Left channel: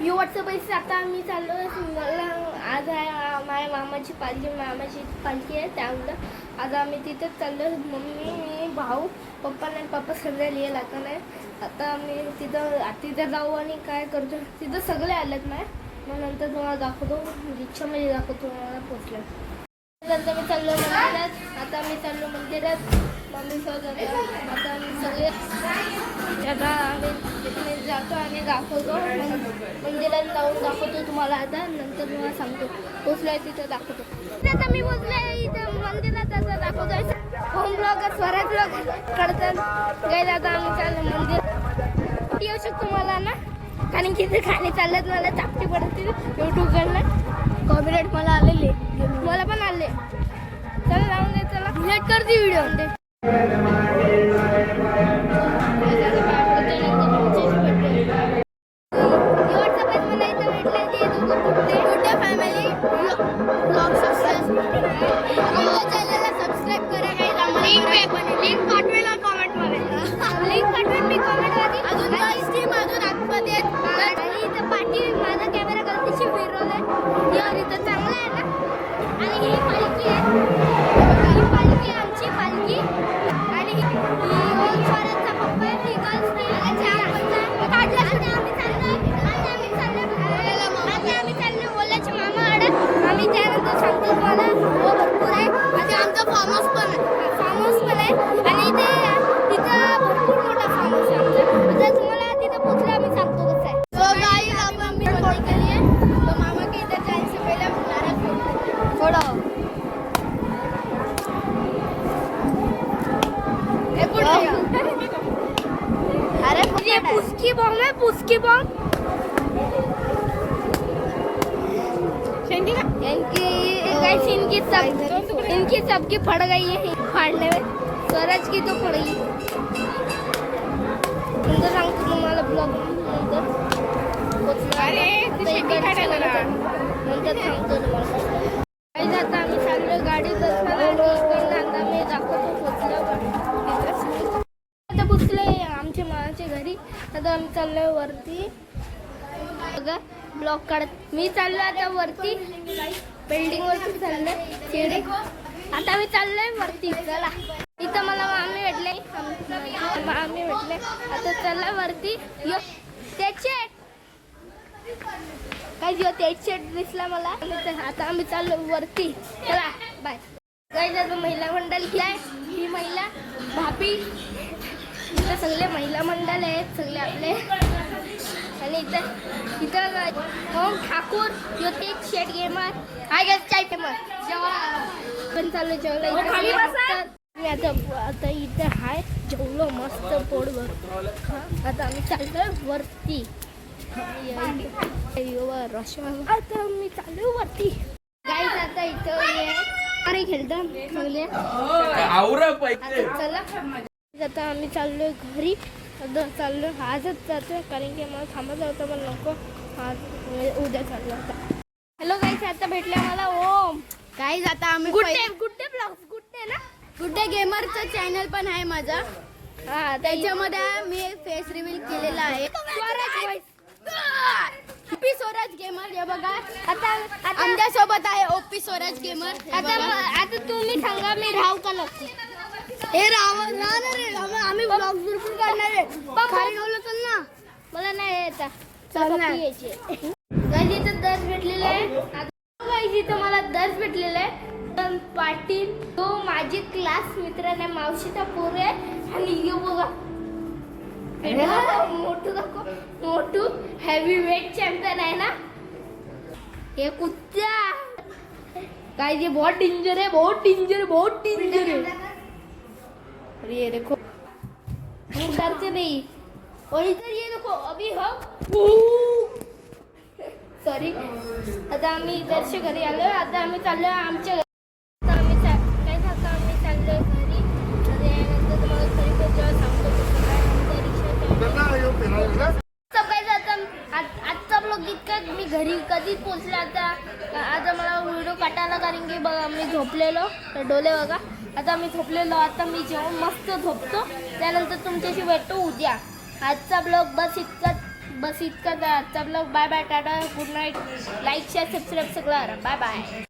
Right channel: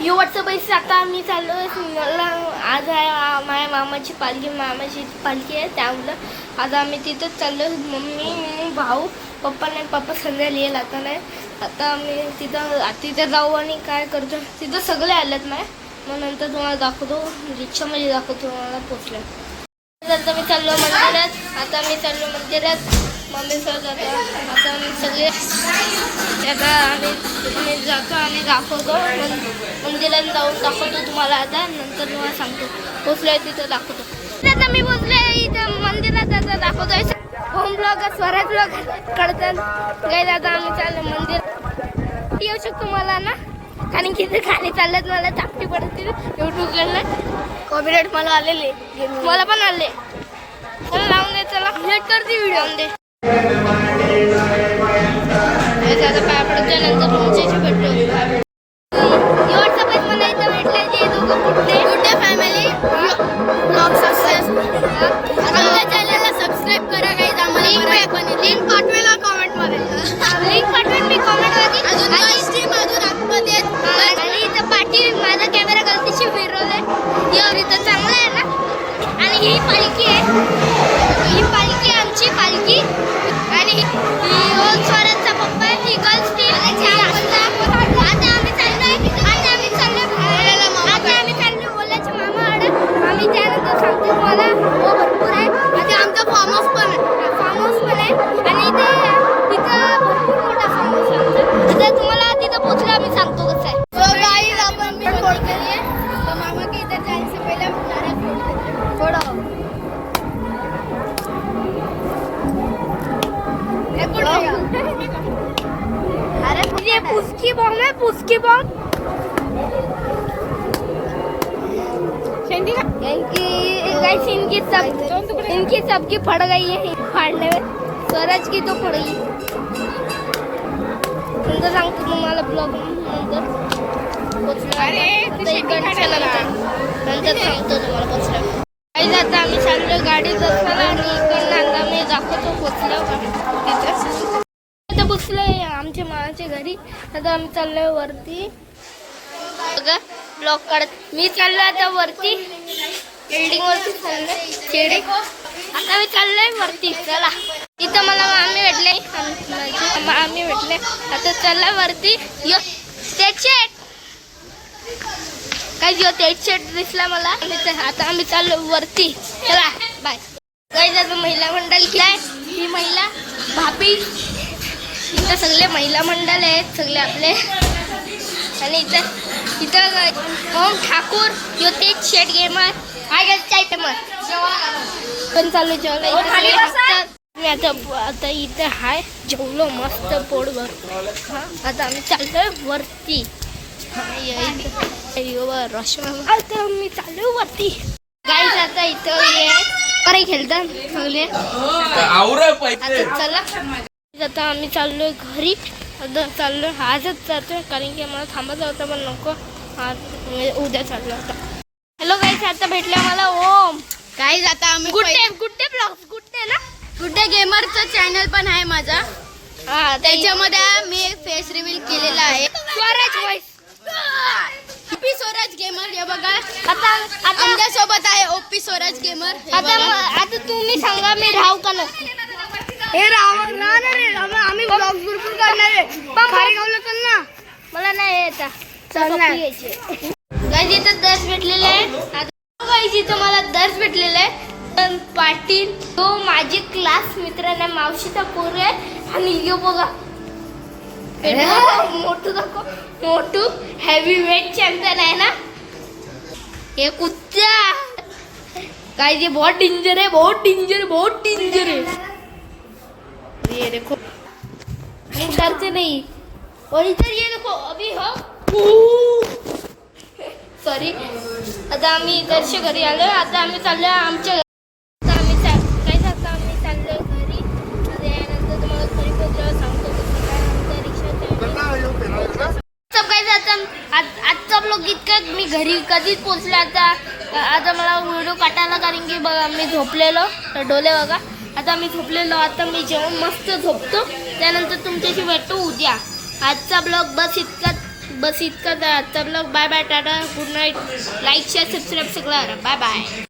युवटचं पैसे आता आम्ही चाललो मला आज आहे माझ्या मामाची पालखी आहे त्यामुळं आज आम्ही तिथंच चाललो. मम्मी भाऊ पप्पा नाही, पप्पा संध्याकाळी येईल आता नाही. आता आम्ही तिथं जाऊ आणि काय करतो तिथं सगळे आलेत नाही. मग नंतर तुम्हाला दाखवतो, रिक्षामध्ये दाखवतो तुम्हाला पोचलं. आता मी चाललो मंदिरात. मम्मी सोबत आता आम्ही सगळे आता आम्ही जातो आणि दाखवतो. मंदिरात जाऊन दाखवतो तुम्हाला. आता नंतर तुम्हाला सांगतो पोचलोय तिथं दाखवतो. आता मी पोचलोय इथं मंदिरात. आता दाखवतोय होम ब्लॉग स्वराज ब्लॉग करतात गाईज. आता आम्ही चाललो मंदिर. येऊ शकतो मला ना, कारण की ते खाली चालल्यात मला चापटी पडतील यूट्यूबकडनं. कॉपीराइट मला आलेले, मला पण आले. चला लावून दे, चला लेट करते व्हिडिओ लावून दे. आता पाय पडतोय नंतर तुमच्याशी भेटलो. एवढचा पण मला इथं भेटलं जे दोघं कुठे फॅमिली ब्लॉग सक्सेस. आमच्या चॅनलला सबस्क्राईब करा गाईज. आम्हाला मराठी पण लिंक पाठवेला कॉमेंटमध्ये. लिंक पाठवेन मी कॉमेंटमध्ये. अजून आतमध्ये आणि इथं पाठी माझा कॅमेरा गलतीशी फिरवलाय. इथं चांगला आहे ना. आणि ही पालखी आहे, आमची पालखी. आणि ही ओम स्वराजचा पप्पा आहे. ही गर्ल्स टीम. आता आम्ही चाललो ओल्याच्या मामाकडे. आम्ही त्यानंतर सांगतो तुम्हाला. हो भरपूर आहे. आता आमचा फार्म हाऊस पण आहे. आणि तिथं भरपूर मोठा फार्म हाऊस आहे आमचा. आता तुम्हाला तिथं पोचलं आम्ही सांगतो कसं आहे. आपण मामा की इधर जाने से पहले थोड़ा अरे ये पुस्की बॉम्ब है, पुस्की बॉम्ब. इनकी सबकी फट गई है फाड़ने में. स्वराज की तो फट गई. नंतर सांगतो तुम्हाला ब्लॉग नंतर पोचलो. नंतर सांगतो तुम्हाला पोचलं. आता आम्ही चाललो गाडीत असताना आणि इकडनं आम्ही दाखवतो पोचलो का तिथं. आता पोचलोय आमच्या मामाच्या घरी. आता आम्ही चाललोय वरती बघा ब्लॉग काढत. मी चाललोय आता वरती बिल्डिंग वरती चाललोय शेडे. आता मी चाललोय वरती. चला इथं मला मामी भेटले. आता चला वरती. यो त्याचे काय त्याचे दिसला मला. आता आम्ही चाललो वरती. चला बाय. काही आता महिला मंडळ काय ही महिला भाभी. इथं सगळे महिला मंडळ आहेत सगळे आपले. आणि इथं ओम ठाकूर यो तेज शेट गेमर आहे चाय फेमर पण चालू जेवला. मी आता इथं हाय जेवलो मस्त पोट भर. आता आम्ही चाललोय वरती. आता मी चालू वरती गाईज. आता इथं ये खेळतात सगळे. चला आता आम्ही चाललोय घरी. आता चाललोय आजच जातोय कारण की मला थांबायचं होतं पण नको. आज उद्या चाललो आता. हॅलो गाईज, आता भेटलं मला ओम. गाईज आता आम्ही गुड्डे ब्लॉग्स ना गुड्डे गेमरचं चॅनल पण आहे माझा. त्याच्यामध्ये मी एक फेस रिव्हील केलेला आहे. Swaraj voice OP Swaraj gamer. हे बघा आता आमच्या सोबत आहे ओपी स्वराज गेमर. आता तुम्ही सांगा मी राहू का नको. हे राहणार आम्ही ब्लॉग भरपूर करणार आहे. खारी खावलं तर ना मला नाही येता. गाईज इथं दर्श भेटलेले आहे. गाईज इथं मला दर्श भेटलेला आहे पाटील. तो माझे क्लास मित्र नाही, मावशीचा पोर आहे. आणि हे बघा मोठू दाखव. मोठू हेवी वेट चॅम्पियन आहे ना. हे कुत्ता काय जे बहुत डेंजर है. ये देखो डरते नहीं. और इधर ये देखो अभी हो सॉरी. आता आम्ही दर्श घरी आलो. आता आम्ही चाललोय आमच्या घरी. आता आम्ही चाललोय घरी. त्यानंतर तुम्हाला घरी पोहोचल्यावर सांगतो कसं काय आमच्या रिक्षा. आजचा ब्लॉग इतकं. मी घरी कधीच पोचले. आता मला व्हिडिओ काढायला कारण की बघा मी झोपलेलो तर डोले बघा. आता मी झोपलेलो. आता मी जेवण मस्त झोपतो. त्यानंतर तुमच्याशी भेटतो उद्या. आजचा ब्लॉग बस इतकाच. बस इतकं तर ब्लॉग. बाय बाय, टाटा, good night. Like share subscribe सगळं बाय बाय.